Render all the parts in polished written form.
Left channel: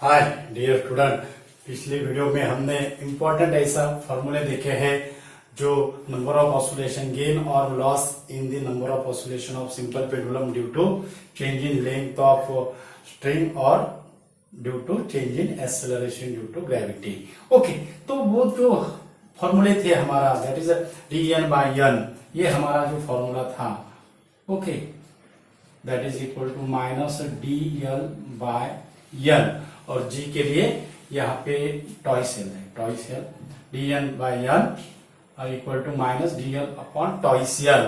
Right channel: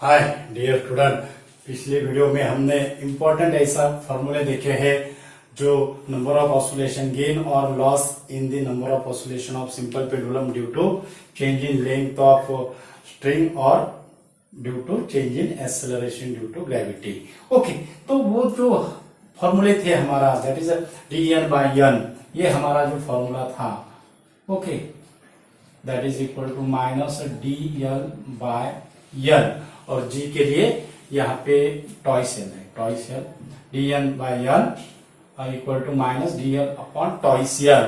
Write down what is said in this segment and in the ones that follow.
हाय dear student, पिछले video में हमने इम्पोर्टेंट ऐसा फॉर्मूले देखे हैं जो नंबर ऑफ ऑसिलेशन गेन और loss in the number of oscillation of simple pendulum due to change in length of string और due to change in acceleration due to gravity. Okay, तो वो जो फॉर्मूले थे हमारा that is D N by N, ये हमारा जो फॉर्मूला था। Okay, that is equal to minus D L bye N और जी के लिए यहाँ पे टॉइस एल है, twice L D N by N equal to minus D L upon twice L.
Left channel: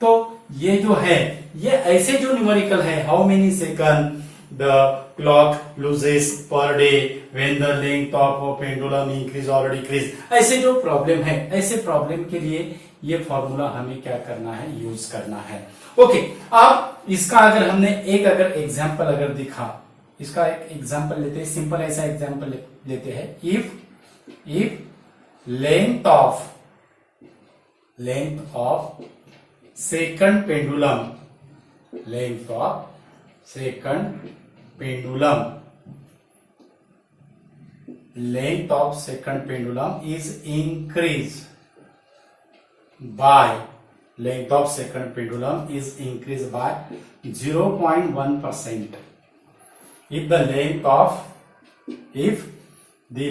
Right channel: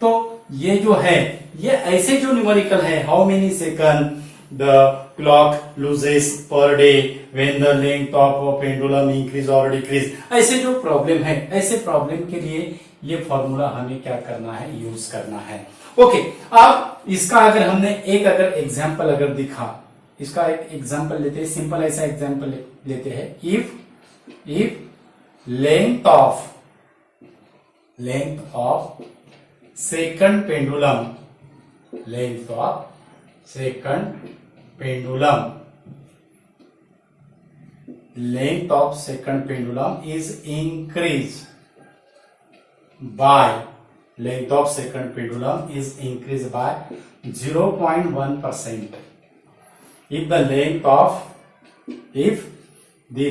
तो ये जो है ये ऐसे जो न्यूमेरिकल है, how many second the clock loses per day when the length of pendulum increase और डिक्रीज, ऐसे जो प्रॉब्लम है, ऐसे प्रॉब्लम के लिए ये फॉर्मूला हमें क्या करना है, यूज करना है। ओके, अब इसका अगर हमने एक अगर एग्जाम्पल अगर दिखा, इसका एक एग्जाम्पल लेते हैं, सिंपल ऐसा एग्जाम्पल लेते हैं। If length of second pendulum, length of second pendulum, length of second pendulum is increase bye, length of second pendulum is increased by 0.1%. If the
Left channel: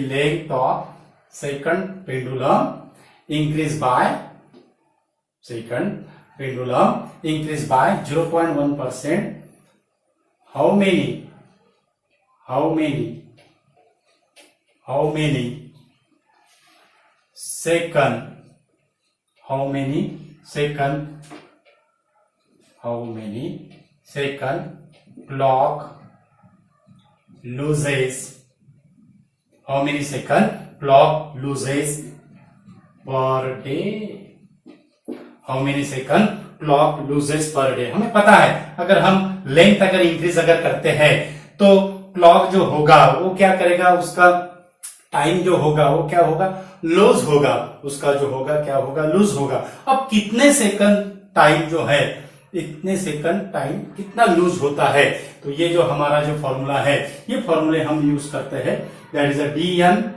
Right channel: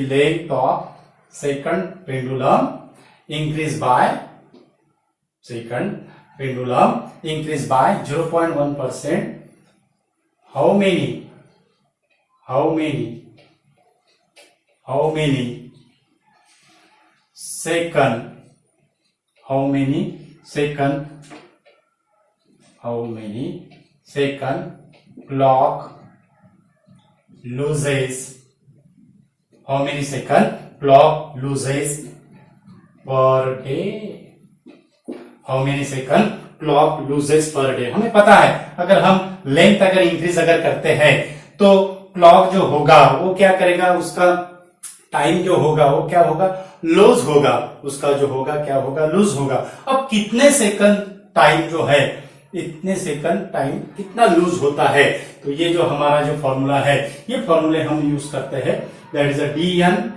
length of second pendulum increase by 0.1%, how many second clock loses, how many second clock loses per day, how many second clock loses per day। हमें पता है अगर हम length अगर increase अगर करते हैं तो क्लॉक जो होगा वो क्या करेगा, उसका टाइम जो होगा वो क्या होगा, लूज होगा, उसका जो होगा क्या होगा, लूज होगा। अब कितने सेकंड टाइम जो है, इतने सेकंड टाइम कितना लूज होता है, तो ये जो हमारा जो फॉर्मूला है, ये फॉर्मूले हम यूज करते हैं, that is a D N,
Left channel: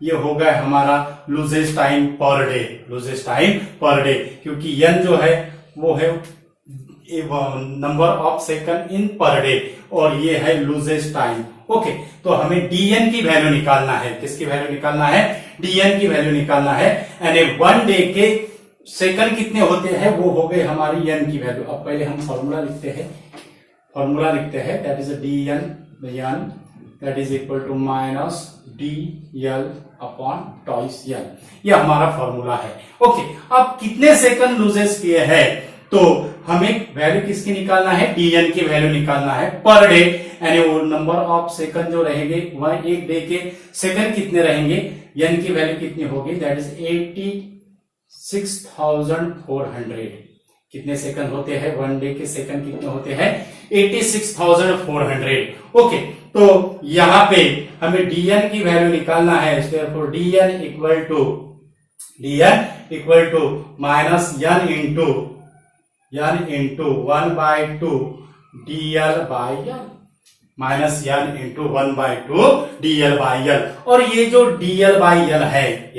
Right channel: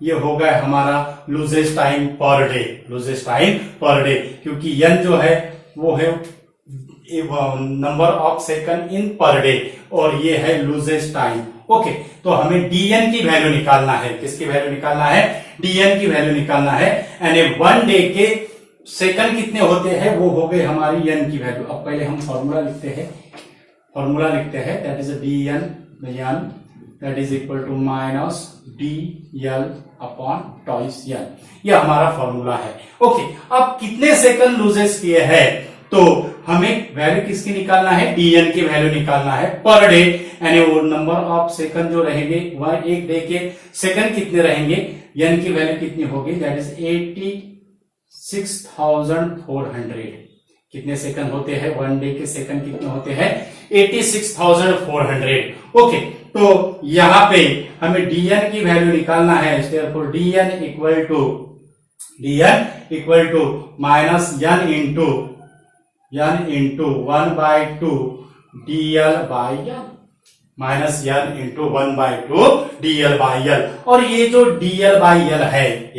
ये हो गया हमारा loosest time per day, loosest time per day, क्योंकि एन जो है वो है number of second in per day और ये है लूजेस्ट टाइम। ओके, तो हमें डीएन की वैल्यू निकालना है, किसकी वैल्यू निकालना है, डीएन की वैल्यू निकालना है। एंड वन डे के सेकंड कितने होते हैं, वो हो गए हमारी एन की वैल्यू। अब पहले हम फॉर्मूला लिखते हैं, that is D N that is equal to minus D L upon twice N, ये हमारा फॉर्मूला है। ओके, अब कितने सेकंड लूजेस किए हैं, तो हमें वैल्यू किसकी निकालना है, डीएन की वैल्यू निकालना है पर डे। यानी वो नंबर ऑफ सेकंड जो रहेंगे, वह एक डे के सेकंड कितने रहेंगे, एन की वैल्यू कितनी होगी, दैट इज 86,400। कितने सेकंड होते हैं, वन डे के सेकंड कितने होते हैं, 86,400। ओके, तो यहां पे हमें डीएन की वैल्यू निकालना है, therefore DN equal to minus N into 1/2 DL by L, minus N into 1/2 DL by L. और ये जो डीएल बाई एल है,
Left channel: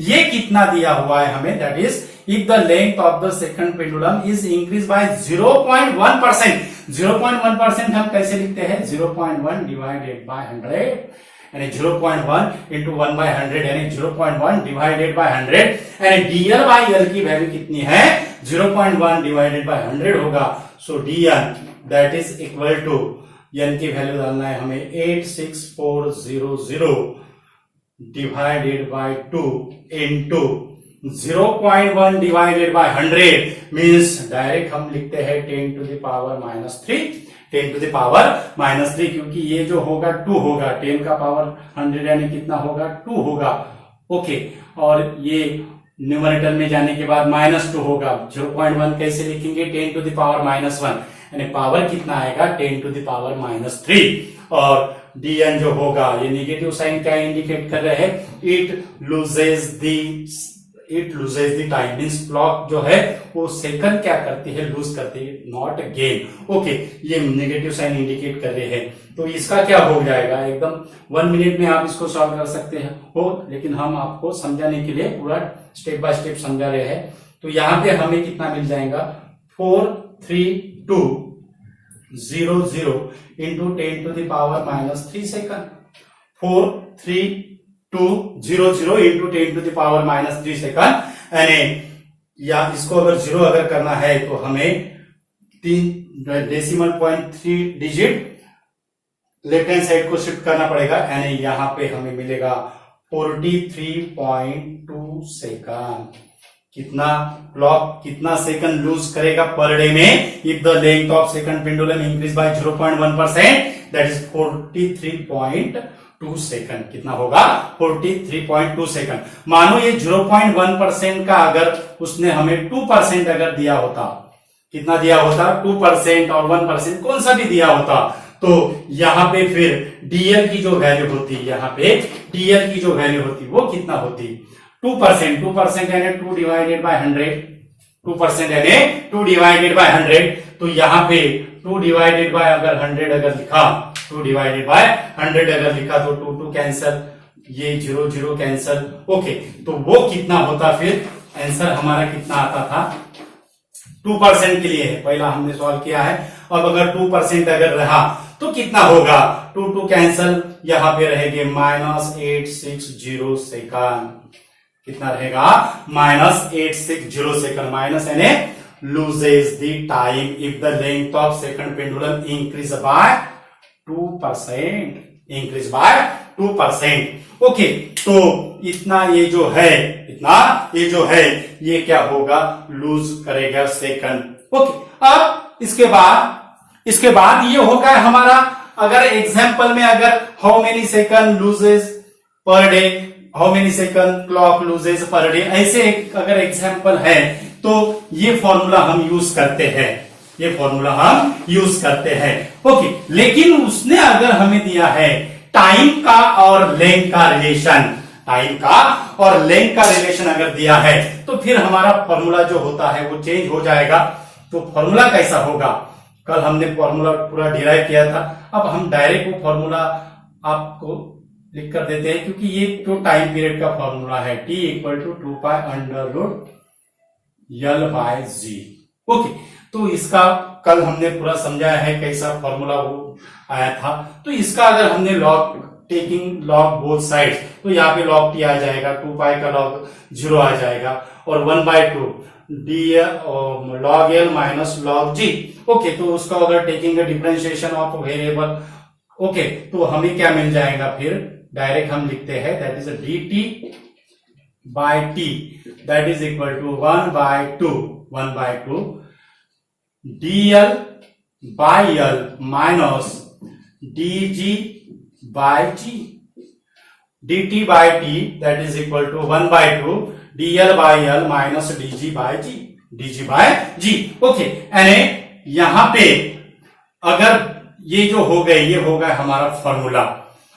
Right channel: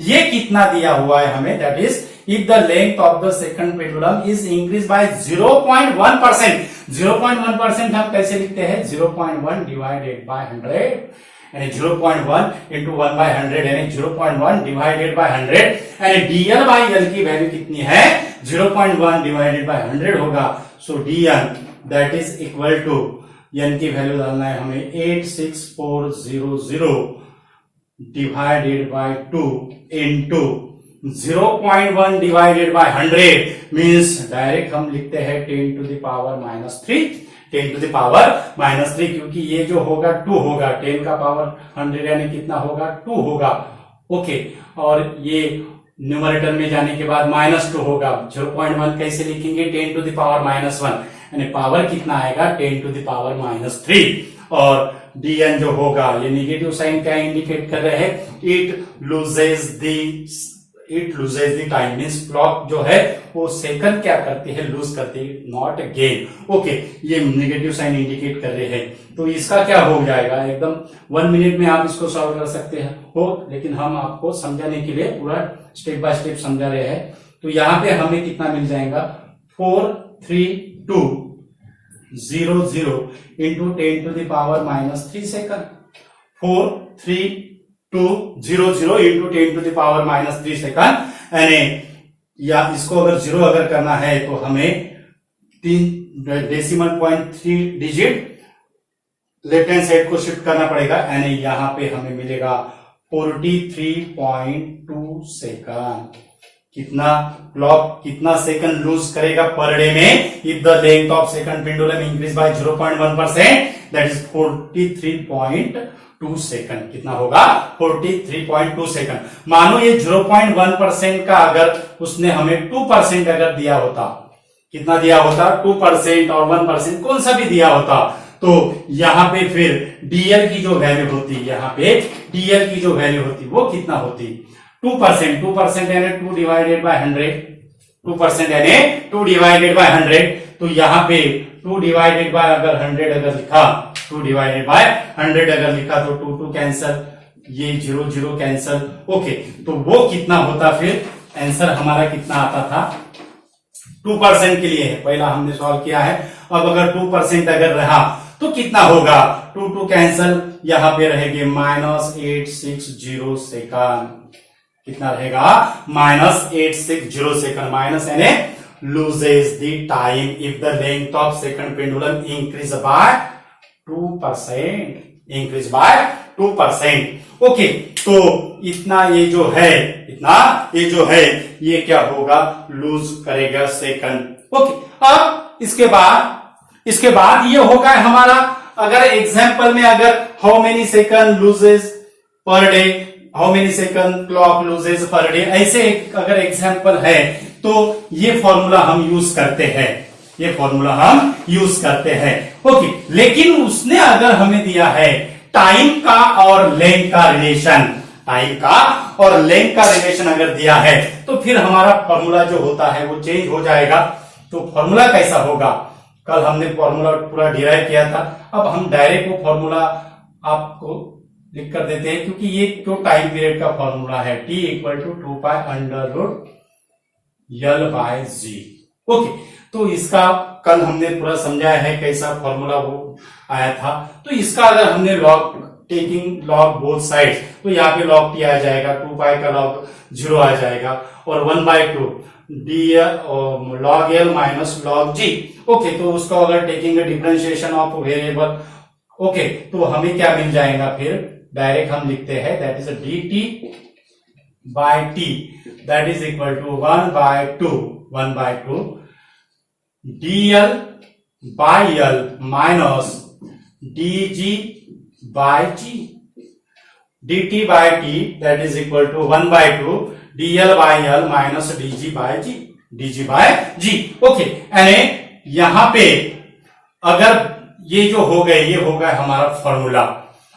ये कितना दिया हुआ है हमें, that is if the length of the second pendulum is increase bye 0.1%। 0.1% हम कैसे लिखते हैं, 0.1 डिवाइडेड बाय 100, यानी 0.1 इंटू 1/100 यानी 0.1 डिवाइडेड बाय 100, यानी डीएल बाई एल की वैल्यू कितनी है, 0.1 डिवाइडेड बाय 100 होगा। So D N that is equal to, N की वैल्यू डालना है हमें 86400 divided by 2 into 0.1 divided by 100 means direct हम लिखते हैं 10 to the power -3, 10 to the power -3, क्योंकि ये जो होगा 2 होगा, 10 का पावर 100 यानी कितना होगा, 2 होगा। ओके, और ये न्यूमरेटर में जाने के बाद -2 होगा। 0.1 कैसे लिखेंगे, 10 टू द पावर -1, यानी पावर कितना आएगा, 10 टू द पावर -3। और डीएन जो होगा, ये निगेटिव साइन क्या इंडिकेट कर रहे हैं, it loses the it loses the time, means clock जो है वो सेकंड क्या करती है, लूज करती है, नॉट गेन। ओके, ये नेगेटिव साइन इंडिकेट कर रहे हैं। तो इसका क्या हो जाएगा, एकदम 1 मिनट में आप इसको सॉल्व कर सकते हैं हो, लेकिन हम आपको समझाने के लिए पूरा स्टेप बाय स्टेप समझा रहे हैं। तो यहाँ पे हमें कितना मिल जाएगा, 43200 इंटू 10⁻³ सेकंड, 43200 इंटू 10⁻³ सेकंड, यानी या इसको अगर 0 अगर करना है तो हमें 3.3 डिजिट लेफ्ट हैंड साइड को शिफ्ट करना पड़ेगा, यानी यहां पे हमें मिलेगा 43.2 सेकंड। कितना क्लॉक कितना सेकंड लूज करेगा पर डे में, if the length of second pendulum increase bye 0.1%, that is 43.2 second. कितना होगा, 43.2 सेकंड। मानो ये 0.1% का अगर उसने हमें 2% अगर दिया होता, कितना दिया होता, 2% और 1% कौन सा भी दिया होता, तो यहां पे फिर डीएल की जो वैल्यू होती, यहां पे डीएल की जो वैल्यू होती वो कितना होती, 2% यानी 2 डिवाइडेड बाय 100, 2% यानी 2 डिवाइडेड बाय 100। तो यहां पे 2 डिवाइडेड बाय अगर 100 अगर लिखा, 2 डिवाइडेड बाय 100 अगर लिखा तो 2 कैंसल, ये 0 कैंसल। ओके, तो वो कितना होता, फिर आंसर हमारा कितना आता था, 2% के लिए है, पहला हमने सॉल्व किया है। अब अगर 2% अगर रहा तो कितना होगा, 2 कैंसल, यहां पे रहेंगे -860 सेकंड। कितना रहेगा, -860 सेकंड। माइनस यानी loses the time if the length of second pendulum increase bye 2%, increase by 2%। Okay, तो इतना ये जो है, इतना ये जो है ये क्या होगा, लूज करेगा सेकंड। ओके, अब इसके बाद ये होगा हमारा, अगर एग्जाम्पल में अगर how many second loses per day, how many second clock loses per day, ऐसे अगर एग्जाम्पल है तो ये फॉर्मूला हम यूज करते हैं, ये फॉर्मूला हम यूज करते हैं। ओके, लेकिन उसने अगर हमें दिया है टाइम का और लेंथ का रिलेशन, टाइम का और लेंथ का रिलेशन अगर दिया है तो फिर हमारा फॉर्मूला जो होता है वो चेंज हो जाएगा। तो फॉर्मूला कैसा होगा, कल हमने फॉर्मूला पूरा डिराइव किया था, अब हम डायरेक्ट वो फॉर्मूला आपको लिख कर देते हैं, क्योंकि ये जो टाइम पीरियड का फॉर्मूला है, T = 2π√L/g। ओके, तो इसका कल हमने पूरा समझाया है कैसा फॉर्मूला वो आया था। तो इसका अगर हमने log taking log both side, तो यहाँ पे लॉग टी आ जाएगा, 2π का लॉग 0 आ जाएगा, और 1/2 log L minus log G। Okay, तो उसको अगर taking differentiation of variable, okay, तो हमें क्या मिल जाएगा, फिर डायरेक्ट हम लिखते हैं that is dt/t that is equal to 1/2 dl/L minus dg/g, dt/t that is equal to 1/2 dl/L minus dg/g। Okay, यानी यहां पे अगर ये जो हो गए, ये हो गया हमारा फॉर्मूला।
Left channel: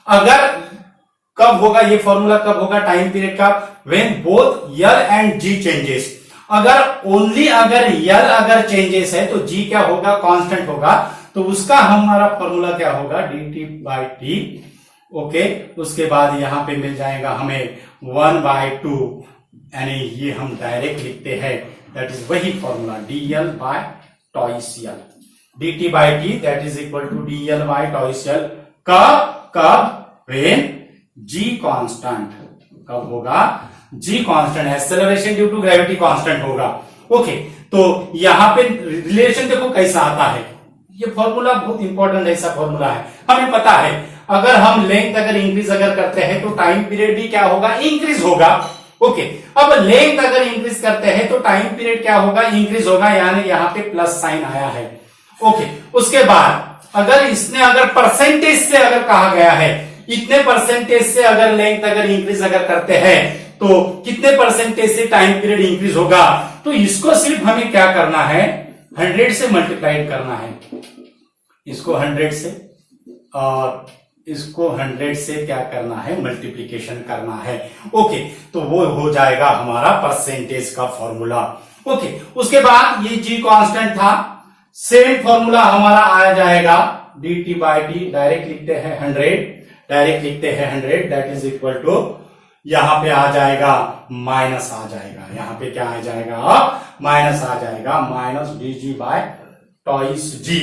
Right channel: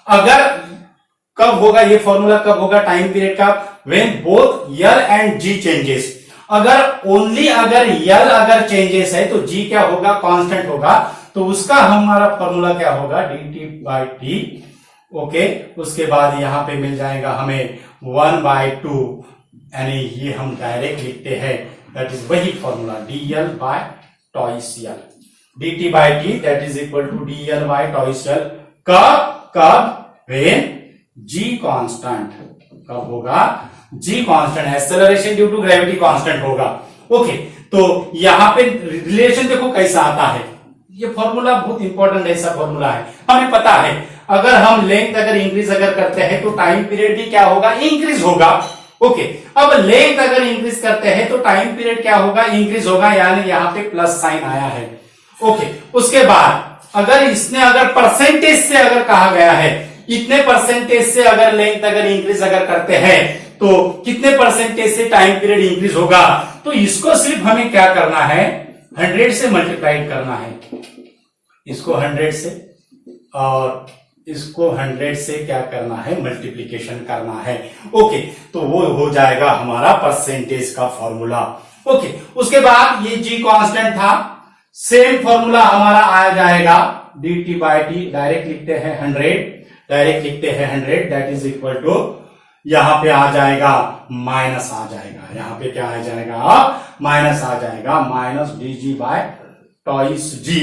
अगर कब होगा ये फॉर्मूला, कब होगा टाइम पीरियड का, when both L and G changes. अगर ओनली अगर L अगर चेंजेस है तो G क्या होगा, कांस्टेंट होगा, तो उसका हमारा फॉर्मूला क्या होगा, dt/t। ओके, उसके बाद यहां पे मिल जाएगा हमें 1/2, यानी ये हम डायरेक्ट लिखते हैं, दैट इज वही formula dl/τCL, dt/t that is equal to dl/τCL। कब व्हेन G कांस्टेंट, कब होगा, G constant, acceleration due to gravity constant होगा। ओके, तो यहां पे रिलेशन देखो कैसा आता है, ये फॉर्मूला बहुत इंपॉर्टेंट ऐसा फॉर्मूला है, हमें पता है अगर हम लेंथ अगर इंक्रीज अगर करते हैं तो टाइम पीरियड भी क्या होगा, इंक्रीज होगा। ओके, अब लेंथ अगर इंक्रीज करते हैं तो टाइम पीरियड क्या होगा, इंक्रीज होगा, यानी यहां पे प्लस साइन आया है। ओके, उसके बाद अगर इसने अगर परसेंटेज से अगर कहा गया है, इतने परसेंटेज से अगर लेंथ अगर इंक्रीज अगर करते हैं तो कितने परसेंटेज से टाइम पीरियड इंक्रीज होगा, तो इसको सिर्फ हमें क्या करना है, 100 से मल्टीप्लाई करना है, इसको 100 से, और इसको 100 से क्या करना है, मल्टीप्लीकेशन करना है। ओके, तो वो हो जाएगा हमारा परसेंटेज का फॉर्मूला। ओके, उसके बाद ये जी कांस्टेंट था, सेम फॉर्मूला हमारा आ जाएगा dt बाई टी, डायरेक्ट लिखते हैं 100, दैट इज इक्वल टू, यहां पे आ जाएगा माइनस आ जाएगा, यहां पे क्या आ जाएगा, माइनस आ जाएगा, minus dg by twice G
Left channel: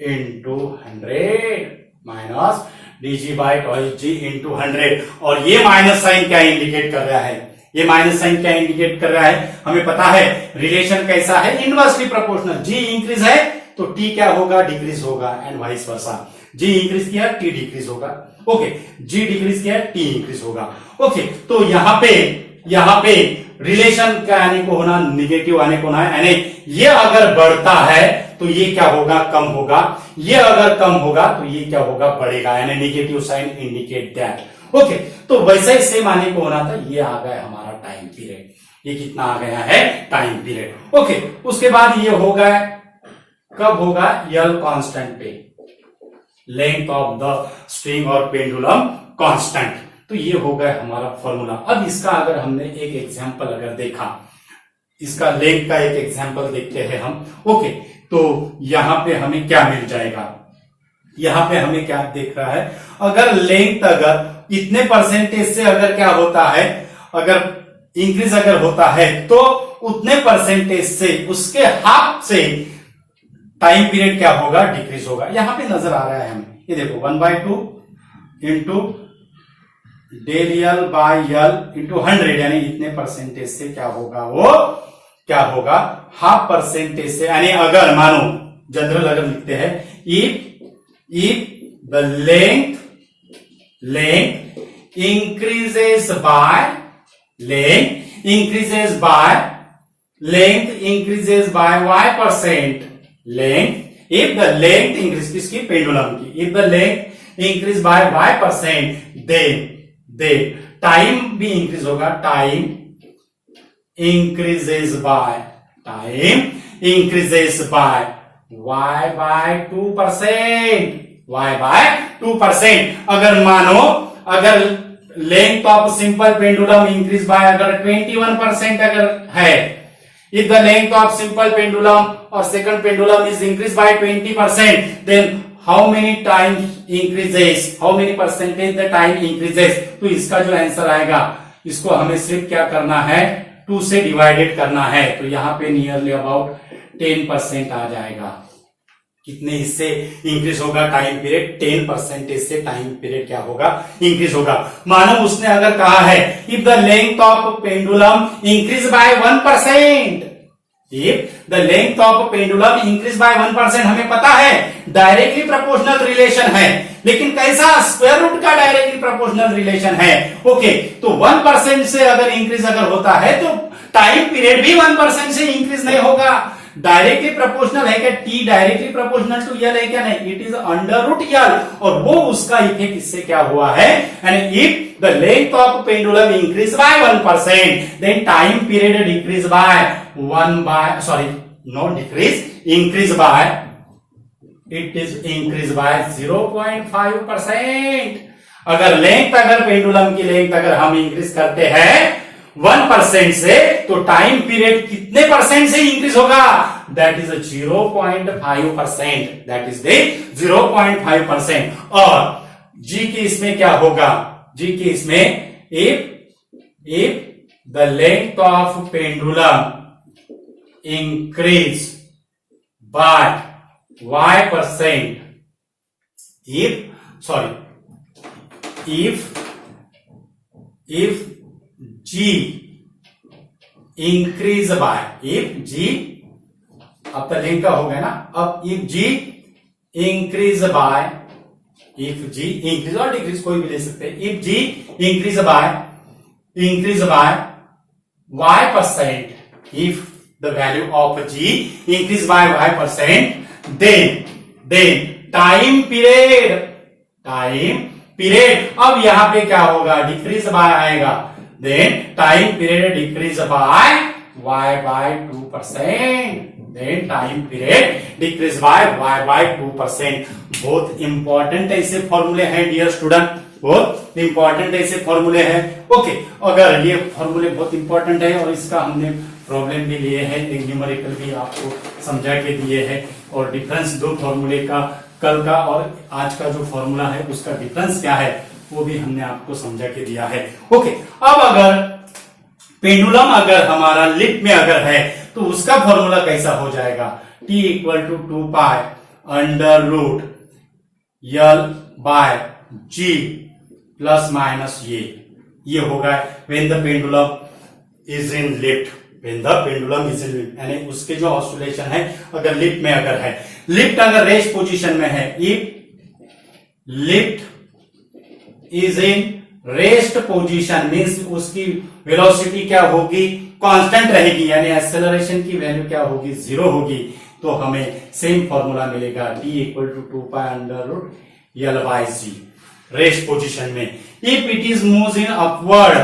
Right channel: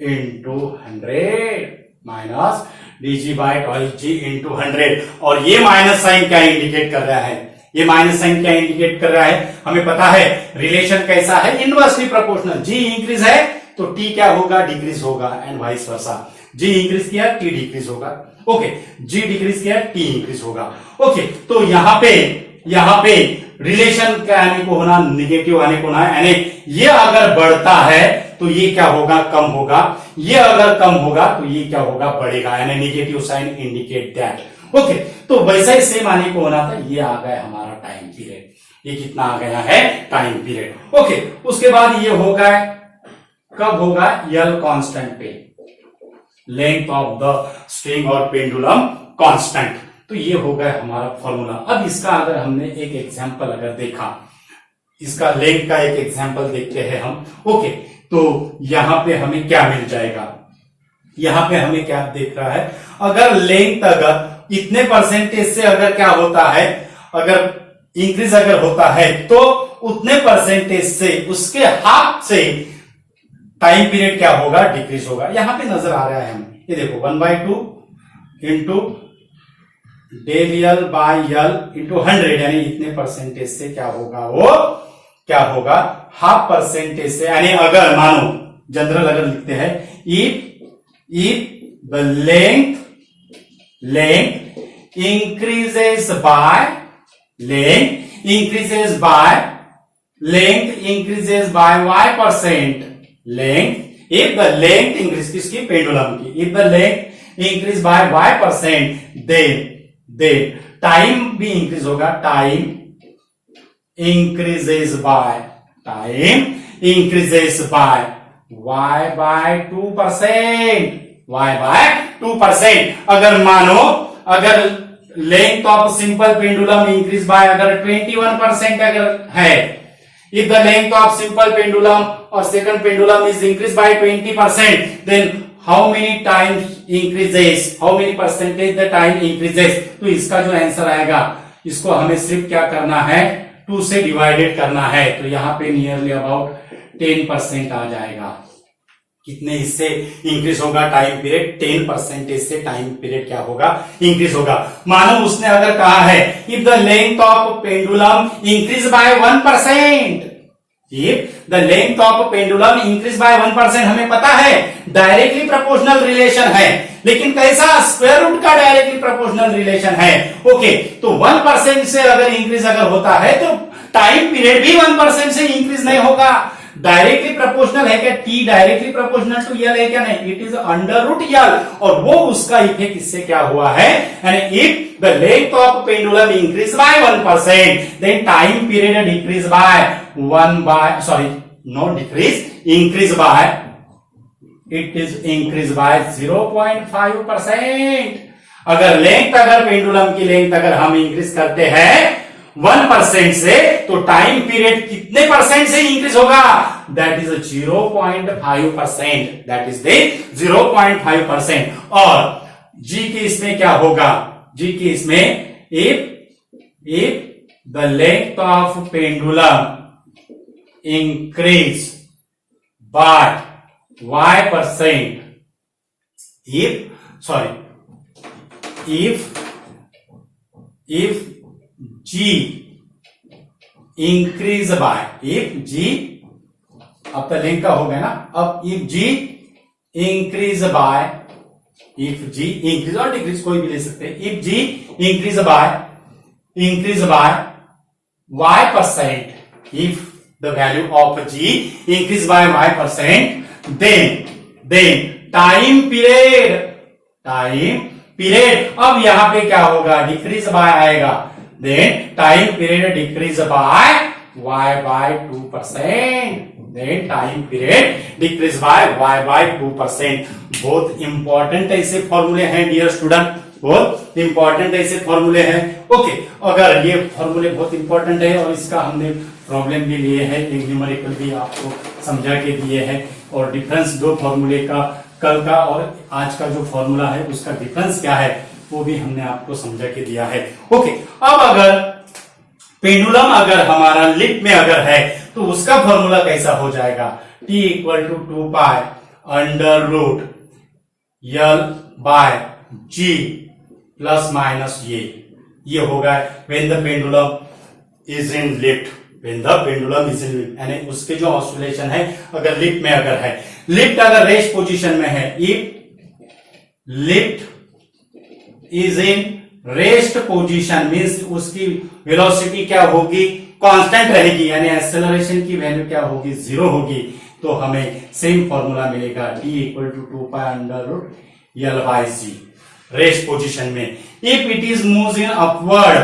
into 100, minus dg by twice G into 100। और ये माइनस साइन क्या इंडिकेट कर रहा है, ये माइनस साइन क्या इंडिकेट कर रहा है, हमें पता है रिलेशन कैसा है, इनवर्सली प्रोपोर्शनल। जी इंक्रीज है तो टी क्या होगा, डिक्रीज होगा, and vice versa. G increase किया टी डिक्रीज होगा। ओके, जी डिक्रीज किया टी इंक्रीज होगा। ओके, तो यहां पे रिलेशन क्या आने को होना, निगेटिव आने को होना है, यानी ये अगर बढ़ता है तो ये क्या होगा, कम होगा, ये अगर कम होगा तो ये क्या होगा, बढ़ेगा, यानी negative sign indicate that. Okay, तो वैसा ही सेम आने को होना था, ये आ गया हमारा टाइम पीरियड, ये कितना आ गया है, टाइम पीरियड। ओके, उसके बाद ये होगा, कब होगा, यल कांस्टेंट पे, लेंथ ऑफ द स्ट्रिंग और पेंडुलम कांस्टेंट। तो ये हो गया हमारा फॉर्मूला। अब इसका अगर हमने एक एग्जांपल अगर देखा, इसका लेंथ का एक एग्जांपल देखते हैं हम। ओके, तो यहां पे हमें क्या मिल जाएगा, यहां पे हमें क्या देख रहा है, अगर लेंथ अगर इतने परसेंटेज से अगर क्या होता है, अगर इंक्रीज अगर होता है तो उतने परसेंटेज से, उसके हाफ से टाइम पीरियड क्या होगा, डिक्रीज होगा। यहां पे नजर आ रहा है हमें, ये देखो 1/2 इंटू डेल यल बाय यल इंटू 100, यानी इतने परसेंटेज से क्या होगा, वो क्या होगा, हाफ परसेंटेज से, यानी अगर मानो जनरल अगर लिखते हैं, if the length increases by y%, length, if the length increase, किसकी, पेंडुलम की, if the length increase by y%, then time भी इंक्रीज होगा, टाइम इंक्रीजेस बाय y/2%, अगर मानो, अगर length of simple pendulum increase by अगर 21% अगर है, if the length of simple pendulum or second pendulum is increased by 20%, then how many percentage the time increases? तो इसका जो आंसर आएगा, इसको हमें सिर्फ क्या करना है, 2 से डिवाइडेड करना है, तो यहां पे नियरली अबाउट 10% आ जाएगा। कितने इससे इंक्रीज होगा टाइम पीरियड, 10% से टाइम पीरियड क्या होगा, इंक्रीज होगा। मानो उसने अगर कहा है if the length of pendulum increase by 1%, if the length of pendulum increase by 1%, हमें पता है डायरेक्टली प्रोपोर्शनल रिलेशन है, लेकिन कैसा, स्क्वायर रूट का डायरेक्टली प्रोपोर्शनल रिलेशन है। ओके, तो 1% से अगर इंक्रीज अगर होता है तो टाइम पीरियड भी 1% से इंक्रीज नहीं होगा। डायरेक्टली प्रोपोर्शनल है क्या, T directly proportional to L है क्या, नहीं, it is under root L, और वो उसका इफेक्ट इससे क्या हुआ है, यानी if the length of pendulum increase by 1%, then time period decrease by increase by, it is increase by 0.5%। अगर लेंथ, अगर पेंडुलम की लेंथ अगर हम इंक्रीज करते हैं 1% से, तो टाइम पीरियड कितने परसेंट से इंक्रीज होगा, that is 0.5%, that is the 0.5%। और जी के इसमें क्या होगा, जी के इसमें if the length of pendulum increase by y%, if G increase by, if G, अब तक लिंक का हो गया ना, अब if G increase by, if G increase और डिक्रीज कोई भी ले सकते हैं, if G increase by y%, if the value of G increase by y%, then time period, अब यहां पे क्या होगा, डिक्रीज बाय आएगा, then time period decrease by y/2%, then time period decrease by y by 2%. बहुत important ऐसे फॉर्मूले हैं डियर स्टूडेंट, बहुत इंपॉर्टेंट ऐसे फॉर्मूले हैं। ओके, अगर ये फॉर्मूले बहुत इंपॉर्टेंट है और इसका हमने प्रॉब्लम भी लिए हैं, न्यूमेरिकल भी आपको समझा के दिए हैं, और डिफरेंस दो फॉर्मूले का, कल का और आज का जो फॉर्मूला है उसका डिफरेंस क्या है वो भी हमने आपको समझा के दिया है। ओके, अब अगर पेंडुलम अगर हमारा लिफ्ट में अगर है तो उसका फॉर्मूला कैसा हो जाएगा, T equal to 2 pi under root L by G plus minus ये होगा when the pendulum is in lift, when the pendulum is in lift, यानी उसके जो ऑसिलेशन है अगर लिफ्ट में अगर है, लिफ्ट अगर रेस्ट पोजीशन में है, if lift is in rest position means उसकी वेलोसिटी क्या होगी, कांस्टेंट रहेगी, यानी एक्सेलरेशन की वैल्यू क्या होगी, 0 होगी, तो हमें सेम फॉर्मूला मिलेगा T equal to 2 pi under root L by G rest position में। If it is moves in upward,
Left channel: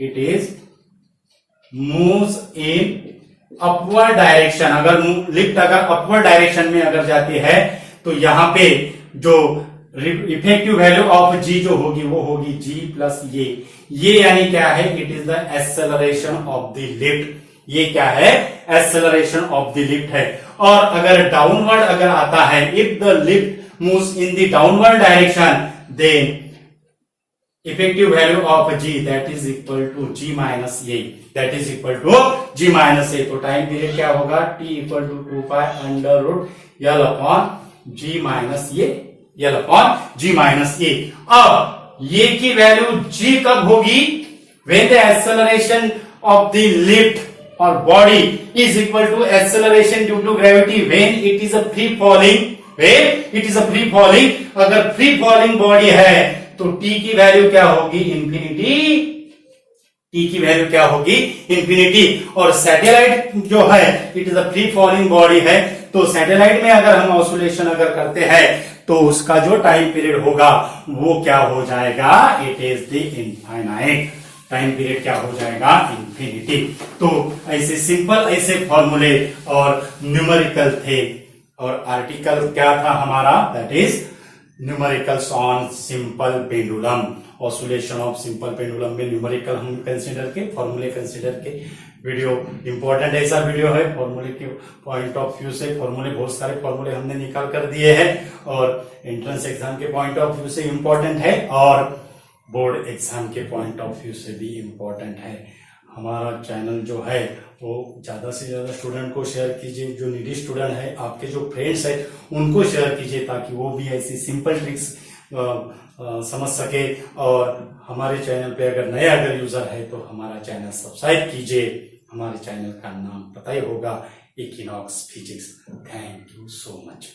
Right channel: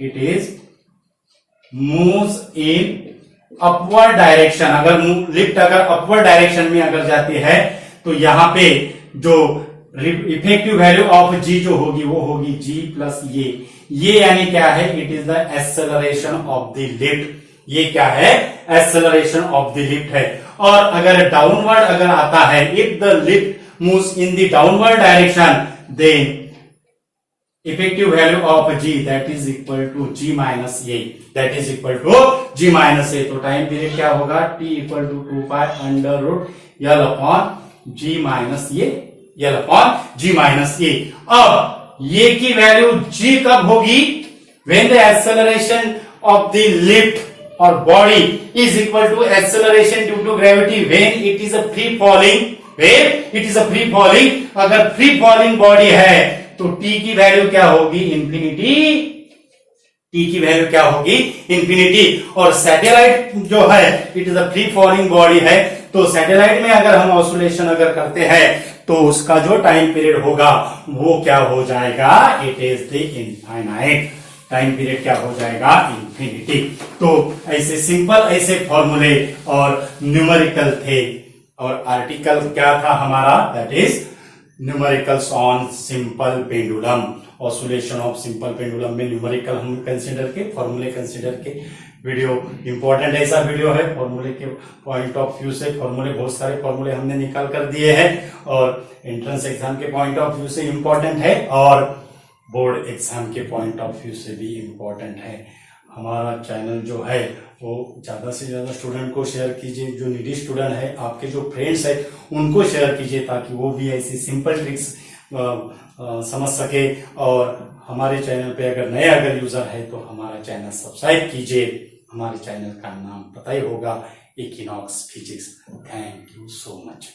it is moves in upward direction, अगर लिफ्ट अगर अपवर्ड डायरेक्शन में अगर जाती है तो यहां पे जो इफेक्टिव वैल्यू ऑफ G जो होगी वो होगी G प्लस ये यानी क्या है, it is the acceleration of the lift, ये क्या है, एक्सेलरेशन ऑफ द लिफ्ट है। और अगर डाउनवर्ड अगर आता है, if the lift moves in the downward direction, then effective value of G that is equal to G minus A, that is equal to G minus A. तो time period क्या होगा, T equal to 2 pi under root L upon G minus A, L upon G minus A. अब ये की value G कब होगी, when the acceleration of the lift और body is equal to acceleration due to gravity when it is a free falling, when it is a free falling, अगर free falling body है तो T की value क्या होगी, infinity, T की value क्या होगी, इंफिनिटी। और सैटेलाइट जो है it is a free falling body है, तो सैटेलाइट में अगर हम ऑसिलेशन अगर करते हैं तो उसका जो टाइम पीरियड होगा वो क्या हो जाएगा, it is the infinite, time period क्या हो जाएगा, इंफिनिटी। तो ऐसे सिंपल ऐसे फॉर्मूले और न्यूमेरिकल थे, और आर्टिकल क्या था हमारा, that is numericals on simple pendulum, oscillation of simple pendulum में न्यूमेरिकल हम कंसीडर के, फॉर्मूले कंसीडर के। वीडियो इंपॉर्टेंट ऐसा वीडियो है, फॉर्मूले के पॉइंट ऑफ व्यू से, फॉर्मूले बहुत सारे फॉर्मूले हमने निकाल कर दिए हैं, और एंट्रेंस एग्जाम के पॉइंट ऑफ व्यू से इंपॉर्टेंट है, और बोर्ड एग्जाम के पॉइंट ऑफ व्यू से भी इंपॉर्टेंट है। हमारा चैनल जो है वो ज्यादा से ज्यादा स्टूडेंट को शेयर कीजिए, जो नीडी स्टूडेंट है, आपके जो फ्रेंड्स है उनको शेयर कीजिए, ताकि वो भी ऐसी सिंपल ट्रिक्स समझ सके। और हमारे चैनल पे अगर नए अगर यूजर है तो हमारा चैनल सब्सक्राइब कीजिए। हमारे चैनल का नाम पता ही होगा, equinox physics. Thank you so much.